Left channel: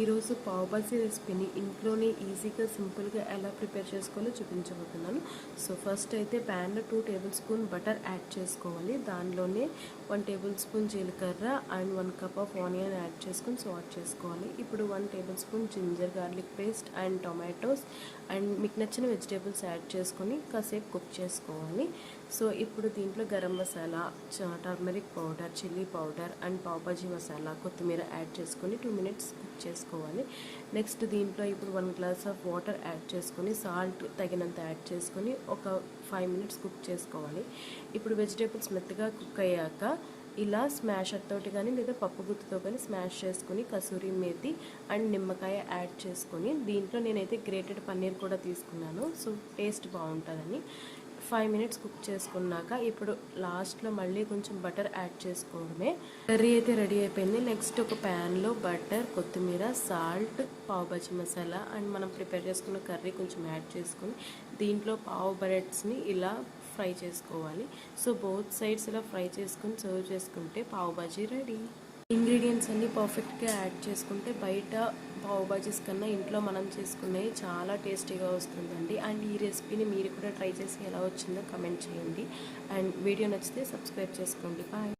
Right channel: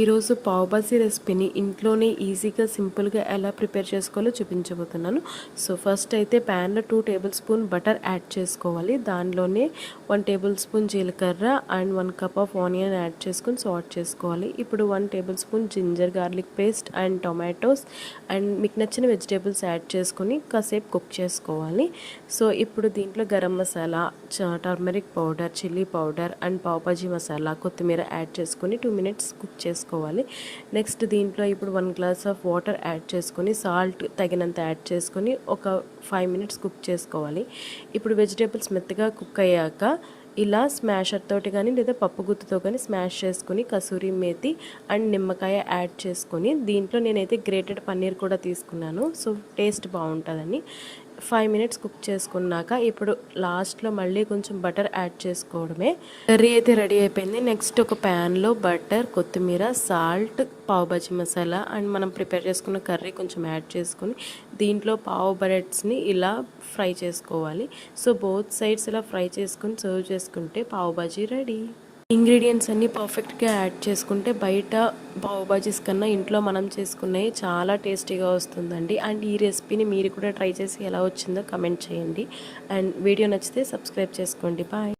ఈరోజు పావ్ బాజీ రెసిపీని ఇంట్లోనే ఈజీగా సింపుల్గా ఎలా ప్రిపేర్ చేసుకోవాలో చూపించబోతున్నాను. సో ఫస్ట్ అయితే ప్యాన్లో 2 టేబుల్ స్పూన్ బటర్ యాడ్ చేసుకోవాలి. దానిలోనే 1 టేబుల్ స్పూన్ జీలకర్ర and 1 cup of onion add చేసుకొని సాట్ చేసుకోవాలి. ఇప్పుడు 1 tablespoon ginger garlic paste and tomatoes and మీకు నచ్చిన వెజిటేబుల్స్ యాడ్ చేసుకొని కాసేపు కుక్ చేసుకోవాలి. సో ఇప్పుడు దీంట్లో garam masala, turmeric powder, chilli powder and pav bhaji masala, కొత్తిమీర యాడ్ చేసుకొని 2 మినిట్స్ కుక్ చేసుకోవాలి. నెక్స్ట్ దీంట్లో ఇప్పుడు 1 గ్లాస్ ఆఫ్ వాటర్ యాడ్ చేసుకొని సాల్ట్ తగినంత యాడ్ చేసుకొని ఒక 5 మినిట్స్ కుక్ చేసుకోవాలి. ఇప్పుడు వెజిటేబుల్స్ మెత్తగా కుక్ అయ్యాక ఇలా స్మాషర్ తోటి కానీ లేదా పప్పు గుత్తుతో కానీ స్మాష్ చేసుకొని కసూరి మేతి అండ్ నిమ్మకాయ యాడ్ చేసుకొని దీంట్లో నేనైతే గ్రేటెడ్ పన్నీర్ కూడా తీసుకున్నాను. సో టేస్ట్ బాగుంటుందని 5 మినిట్స్ కుక్ చేసుకున్నాక ఇప్పుడు లాస్ట్లో మళ్ళీ కొంచెం బటర్ యాడ్ చేసుకోవడమే. కర్రీ అయితే రెడీ అయిపోయింది. నెక్స్ట్ ఒక ప్యాన్లో బటర్, కొత్తిమీర, సాల్ట్, పావ్ బాజీ మసాలా అండ్ మనం ప్రిపేర్ చేసుకున్న కర్రీ కొంచెం యాడ్ చేసుకొని దీంట్లో పావ్ బ్రెడ్స్ని ఇలా ఫ్రై చేసుకోవాలి. సో బోత్ సైడ్స్ ఇలా ఫ్రై చేసుకొని సర్వ్ చేసుకుంటే పావ్ బాజీ రెడీ. ఇంగ్రీడియంట్స్ అన్నీ పర్ఫెక్ట్గా యాడ్ చేసుకుంటే బయట పావ్ బాజీస్ కన్నా ఇంట్లో మనం చేసుకున్నవి చాలా టేస్టీగా వస్తుందండి. అండ్ ఈ రెసిపీని మీరు కూడా ట్రై చేసి ఎలా వచ్చిందో కమెంట్ చేయండి. అండ్ వీడియో నచ్చితే సబ్స్క్రైబ్ చేసుకోండి. బాయ్.